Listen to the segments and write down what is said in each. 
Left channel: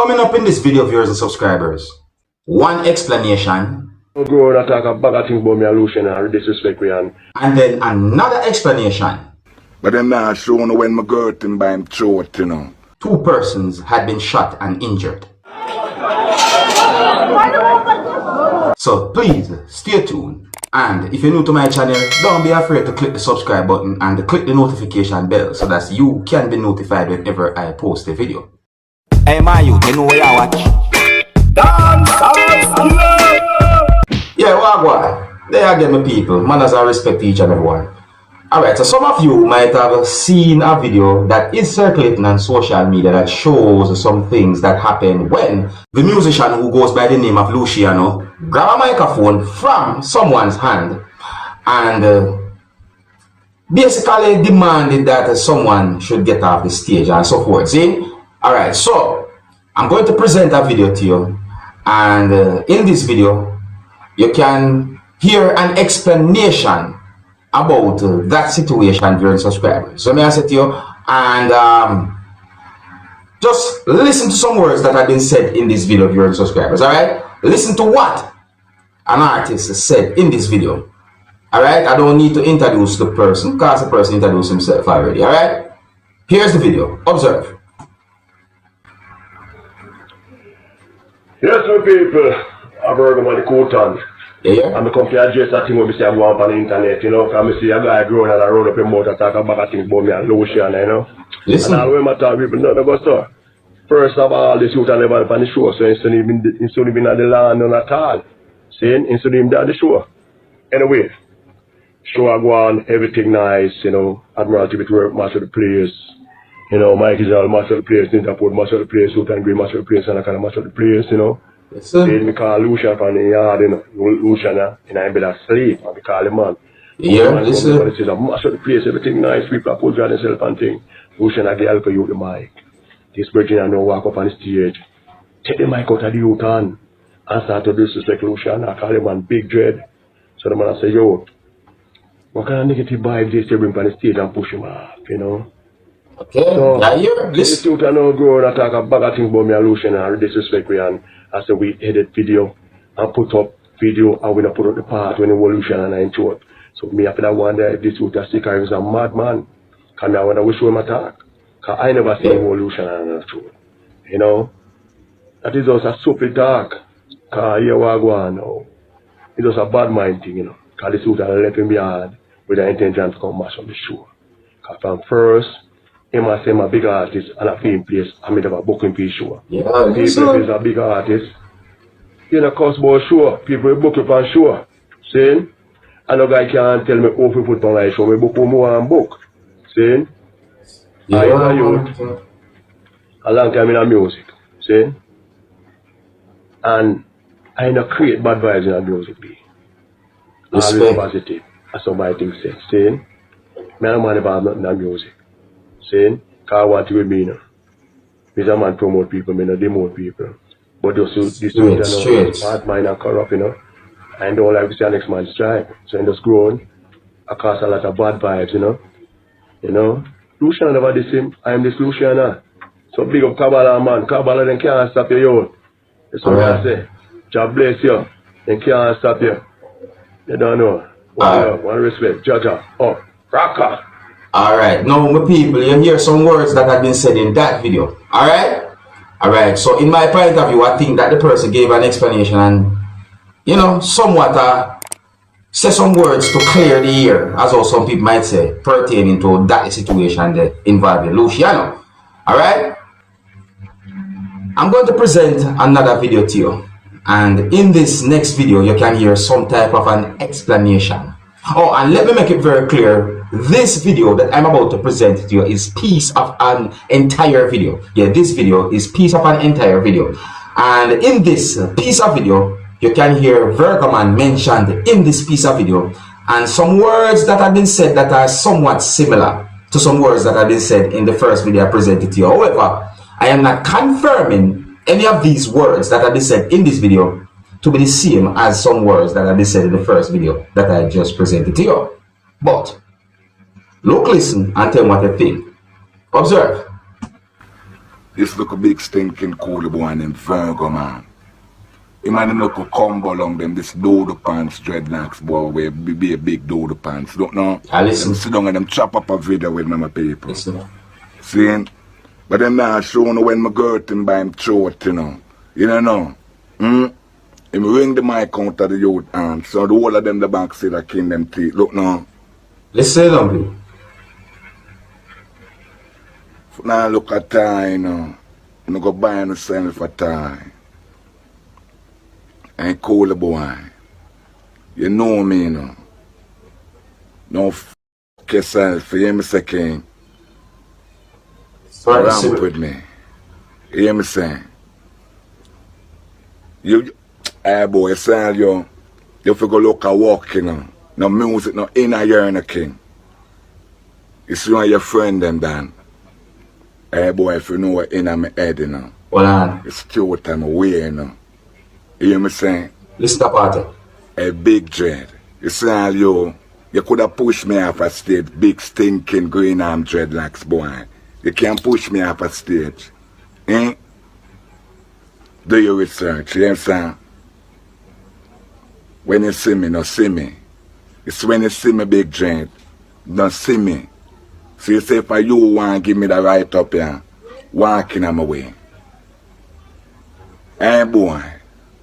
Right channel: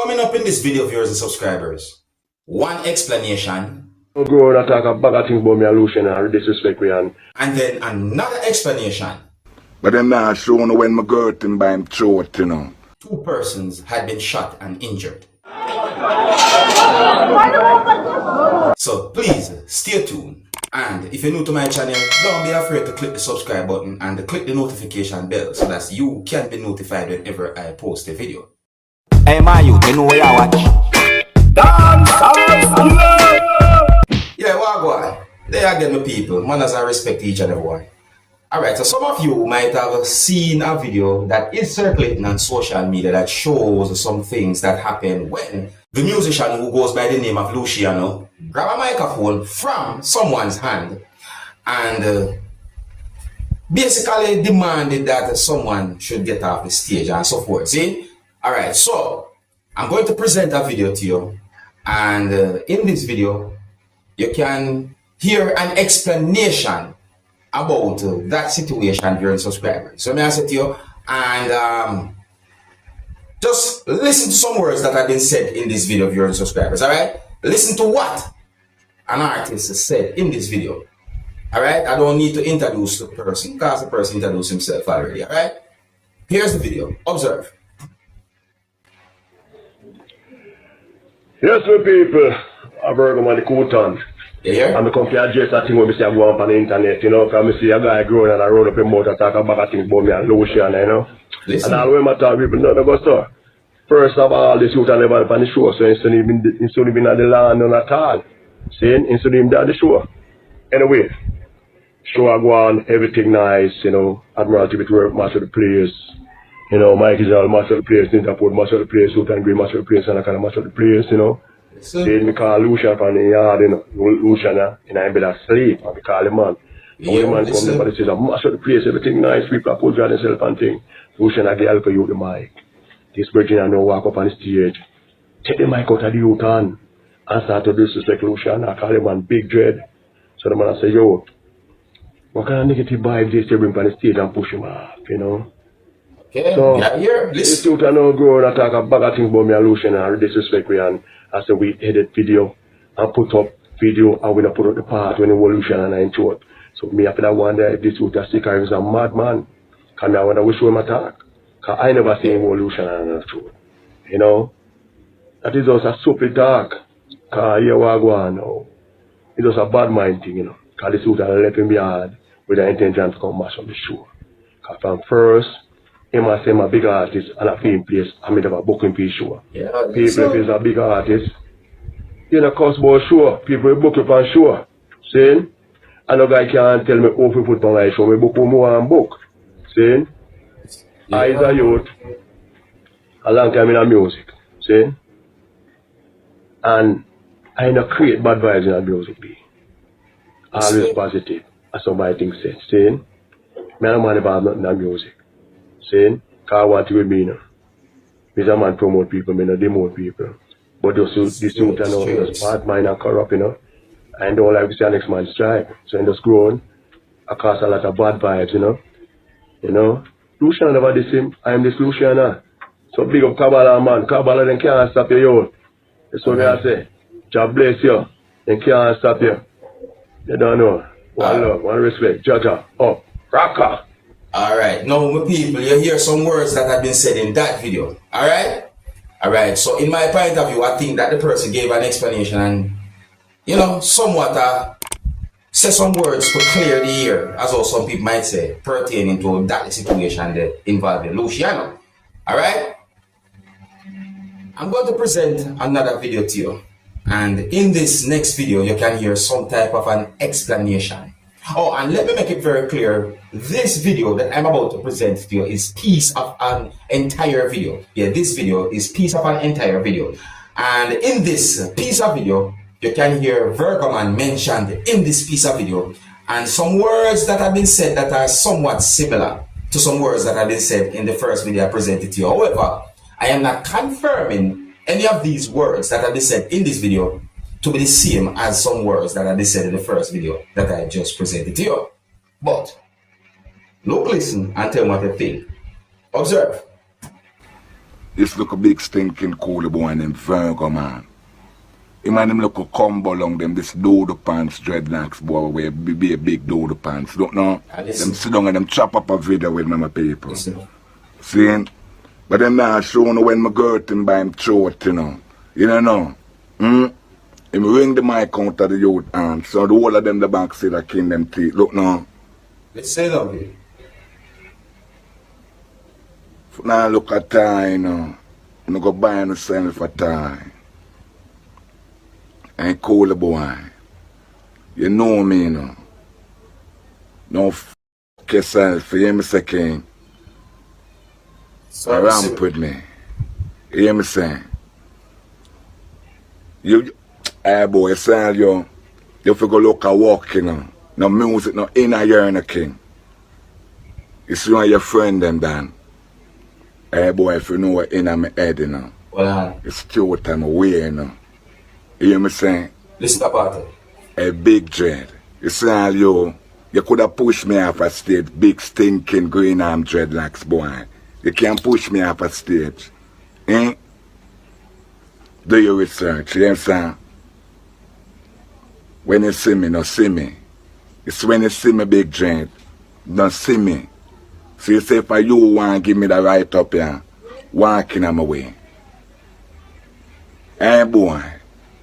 Coming up in this video, viewers and subscribers, one explanation, go and talk a bag of things about me and Luciano and disrespect me and then another explanation. But I'm not showing when my girl thing by him throat, you know. Two persons had been shot and injured. So please stay tuned. And if you're new to my channel, don't be afraid to click the subscribe button and click the notification bell so that you can be notified whenever I post a video. Hey my youth, you know where you watch? Dancehall! Yeah, wagwan. There again, my people. Manners and respect to each and everyone. Alright, so some of you might have seen a video that is circulating on social media that shows some things that happen when the musician who goes by the name of Luciano grab a microphone from someone's hand and basically demanded that someone should get off the stage and so forth. See? Alright, so I'm going to present a video to you, and in this video you can hear an explanation about that situation during subscribers. So may I say to you, and just listen to some words that have been said in this video during subscribers. Alright? Listen to what an artist said in this video. Alright? I don't need to introduce the person because the person introduced himself already. Alright? Here's the video. Observe. yes, my people, I brought them on the Putout. Yeah. And I come to address that thing where I see I go on the internet, you know, because I see a guy growing and I roll up him out and talk about things about me and Luciano, you know. Listen. And all when I talk people, no, go so. First of all, this youth are never on the show, so instead of being at the land none at all. See, instead of him at the show. Anyway, show I go on, everything nice, you know, Admiralty with work, match of the players. You know, Mike is all match of the players, Interport match of the players, Suit and Green match of the players, and I kind of match of the players, you know. Then we call Luciano from the yard, you know, Luciano, in a bed of sleep, and we call him man. Yeah, the man comes up and says, I match of the place, everything nice, people are put on themselves and things. Luciano get help you with the mic. This virgin I know walk up on the stage, take the mic out of the youth hand, and start to disrespect Luciano. I call him man Big Dread. So the man say, yo, what kind of negative vibes they bring on the stage and push him off, you know? Okay, so, yeah, here, this youth I know go and talk a bag of things about me and Luciano and disrespect me, and I say we edit video and put up video and we don't put up the part when the Luciano and I intro it. So me after that wonder if this youth a sticker is a madman. Because I wonder which way I talk. Because I never seen Luciano and I intro. You know? That is just a stupid talk. Because here we go on now. It's just a bad mind thing, you know. Because this youth left him behind with the intention to come mash on the show. Because from first, him I say I'm a big artist and a film place, I made up a booking for show. Yeah, people if he's a big artist, you know, cost about show, people book you for show. See? And no guy can't tell me how to put on my show, me book more and book. See? yeah. I is a youth, a long time in the music. See? And I don't create bad vibes in the music be. Always positive, as somebody thinks say. See? Me and man never have nothing in the music. Saying, because I want to be me now. Because a man promote people, me not demote people. But this youth is bad mind and corrupt, you know. And don't like to see the next man strike. So in just growing, I cause a lot of bad vibes, you know. You know. Luciano never this him. I am this Luciano. So big up Kabbalah, man. Kabbalah then can't stop you, yo. That's what I say. God bless you. They can't stop you. You don't know. One love, one respect. Jaja. Oh, rocker. Alright, now my people, you hear some words that have been said in that video. Alright? Alright, so in my point of view, I think that the person gave an explanation and, you know, somewhat say some words to clear the air, as well some people might say, pertaining to that situation that involving Luciano. Alright? I'm going to present another video to you. And in this next video, you can hear some type of an explanation. Oh, and let me make it very clear. This video that I'm about to present to you is piece of an entire video. Yeah, this video is piece of an entire video. And in this piece of video, you can hear Virgoman mentioned in this piece of video. And some words that have been said that are somewhat similar to some words that have been said in the first video I presented to you. However, I am not confirming any of these words that have been said in this video to be the same as some words that I said in the first video that I just presented to you. But look, listen, and tell me what you think. Observe. This look a big stinking cool boy named Virgo, man. Him and him look a combo along them, this doodle pants, dreadlocks boy, where be a big doodle pants. Don't know? Them sit down and them chop up a video with my people. See? But them now showing when my girl him by him throat, you know. You don't know? Him ring the mic out of the youth hand, so the whole of them the back see that king them teeth. Look now. Let's say something. Now look at time, you know. You go buy yourself a time. Ain't cool boy. You know me, you know. No f yourself, you hear me say, king? Ramp with me. You hear me saying? You, hey boy, say you figure look a walk, you know. No music, no inner yearn, king. You see one of your friend them, Dan. Hey boy, if you know what in my head, you know. Well, it's still time away, you know. You hear me saying? Listen to party. A big dread. You see all you could have pushed me off a stage, big stinking green arm dreadlocks boy. You can't push me off a stage. Eh? Do your research, you understand? When you see me, no see me. It's when you see me, big dread, don't see me. So you say if you want to give me the right up here, walking on my way. Hey boy,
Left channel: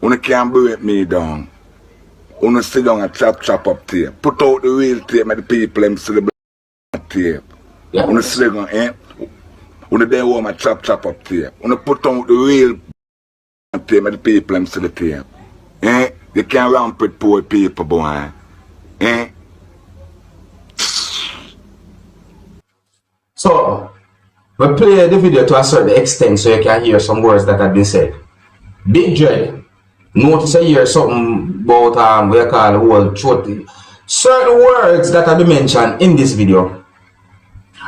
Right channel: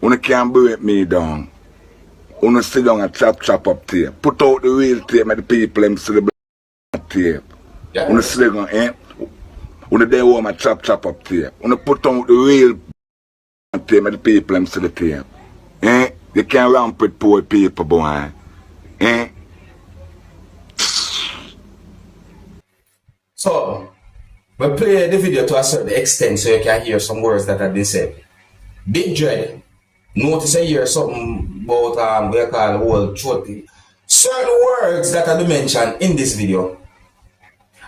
you can't break me down. You sit down and chop up tape. Put out the real tape and the people them see the black tape. Yeah. You sit down, eh? You there home and chop up tape. You put out the real tape and the people them see the tape. Eh? You can't ramp with poor people, boy. Eh? So, we play the video to a certain extent so you can hear some words that have been said. Big Dread, notice I hear something about what you call whole throat. Certain words that have been mentioned in this video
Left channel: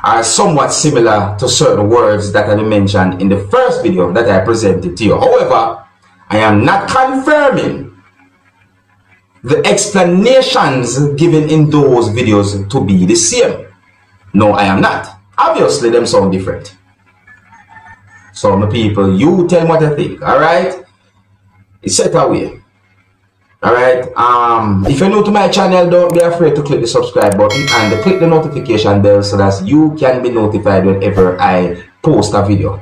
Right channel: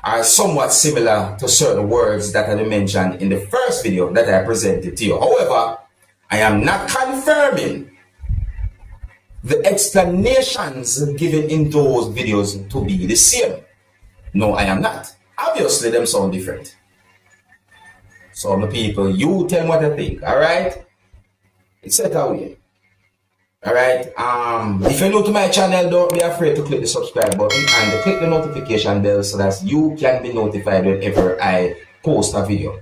are somewhat similar to certain words that have been mentioned in the first video that I presented to you. However, I am not confirming the explanations given in those videos to be the same. No, I am not. Obviously, them sound different. So, my people, you tell me what you think, alright? It's set away. Alright? If you're new to my channel, don't be afraid to click the subscribe button and click the notification bell so that you can be notified whenever I post a video.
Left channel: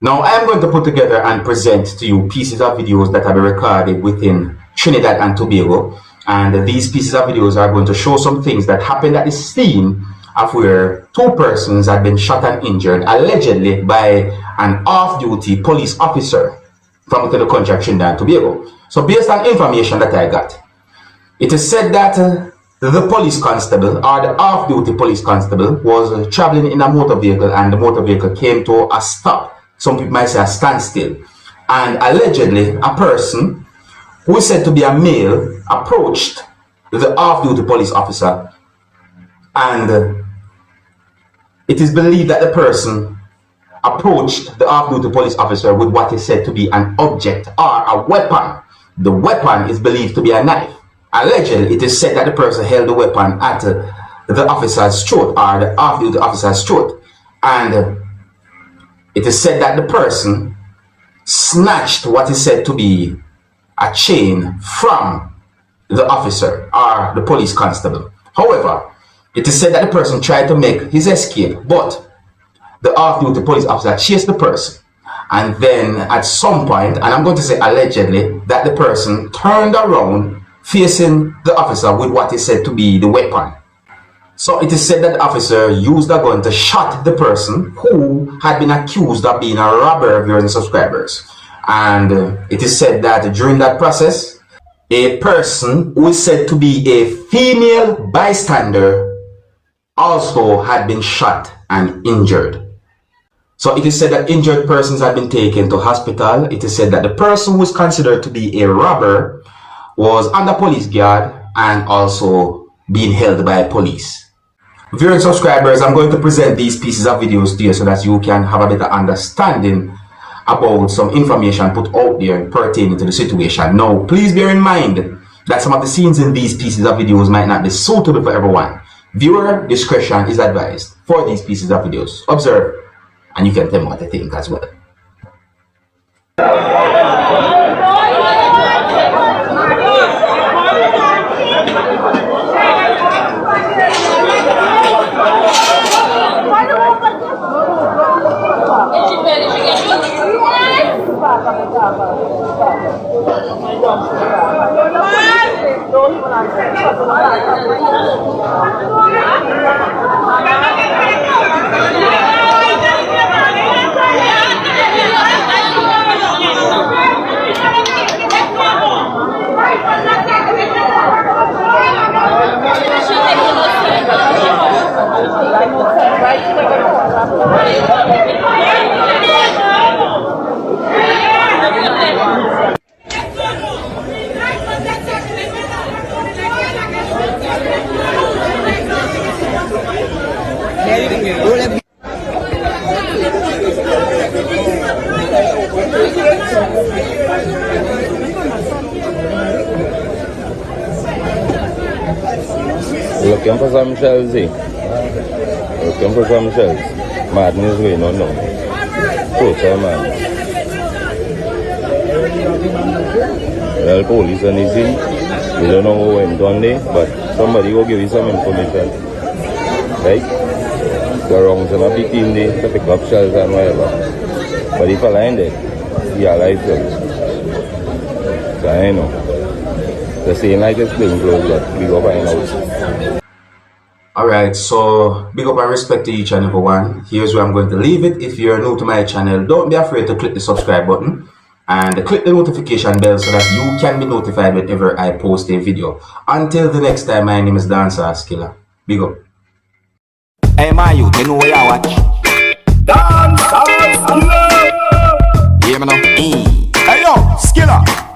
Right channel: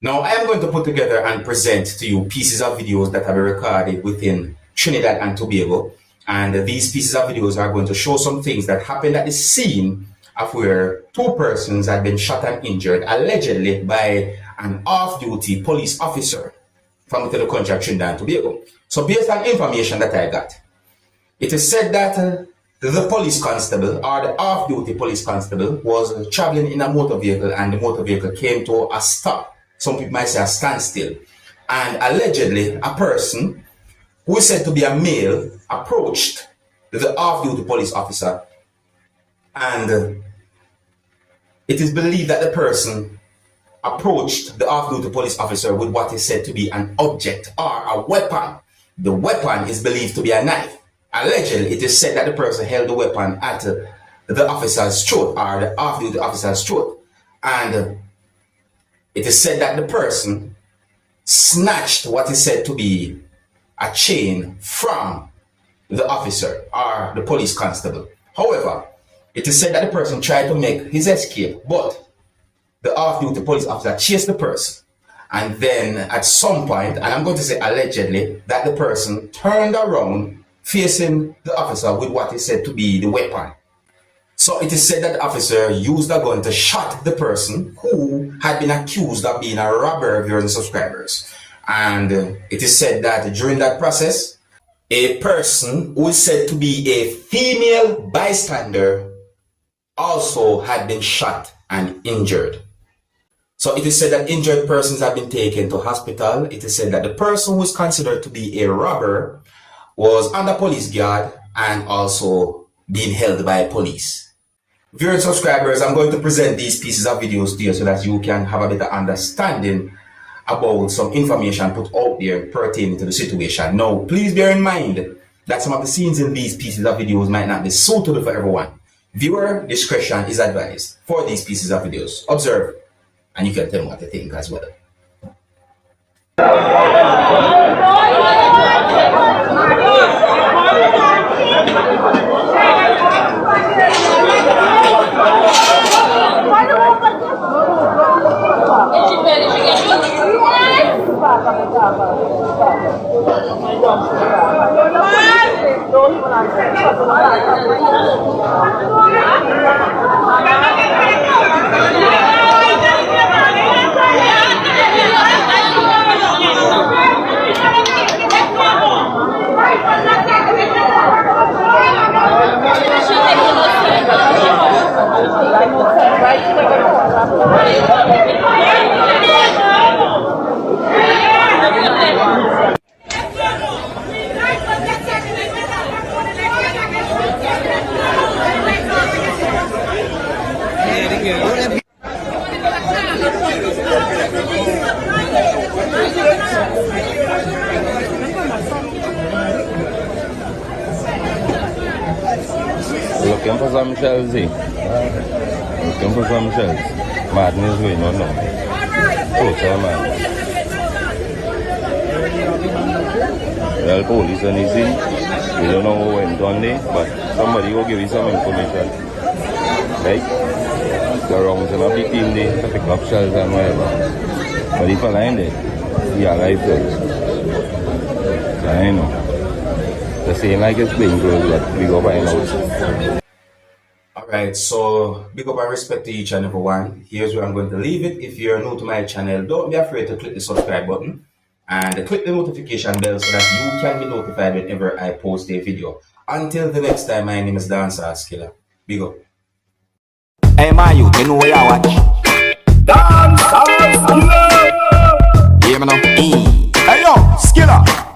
Now, I am going to put together and present to you pieces of videos that have been recorded within Trinidad and Tobago. And these pieces of videos are going to show some things that happened at the scene of where two persons had been shot and injured allegedly by an off-duty police officer from within the country of Trinidad and Tobago. So based on information that I got, it is said that the police constable or the off-duty police constable was traveling in a motor vehicle and the motor vehicle came to a stop. Some people might say a standstill. And allegedly a person who is said to be a male approached the off-duty police officer, and it is believed that the person approached the off-duty police officer with what is said to be an object or a weapon. The weapon is believed to be a knife. Allegedly, it is said that the person held the weapon at the officer's throat or the off-duty officer's throat. And it is said that the person snatched what is said to be a chain from the officer or the police constable. However, it is said that the person tried to make his escape, but the off-duty police officer chased the person. And then at some point, and I'm going to say allegedly, that the person turned around facing the officer with what is said to be the weapon. So it is said that the officer used a gun to shot the person who had been accused of being a robber of your subscribers. And it is said that during that process, a person who is said to be a female bystander also had been shot and injured. So it is said that injured persons have been taken to hospital. It is said that the person who is considered to be a robber was under police guard and also being held by police. Viewers and subscribers, I'm going to present these pieces of videos to you so that you can have a better understanding about some information put out there pertaining to the situation. Now, please bear in mind that some of the scenes in these pieces of videos might not be suitable for everyone. Viewer discretion is advised for these pieces of videos. Observe, and you can tell me what you think as well. Looking for some shells, eh? Looking for some shells. Madness going on now. Total man. Well, police on this thing. We don't know who went on there, but somebody will give you some information. Right? The wrongs and a big team there to pick up shells and whatever. But if I line it, yeah, like that. I know. The same like it's playing close, but we go find out. Alright, so big up and respect to each and every one. Here's where I'm going to leave it. If you're new to my channel, don't be afraid to click the subscribe button and click the notification bell so that you can be notified whenever I post a video. Until the next time, my name is Dancehall Skilla. Big up. Hey, my youth, you know where I watch? Dancehall Skilla. Yeah, man. Hey, yo, Skilla.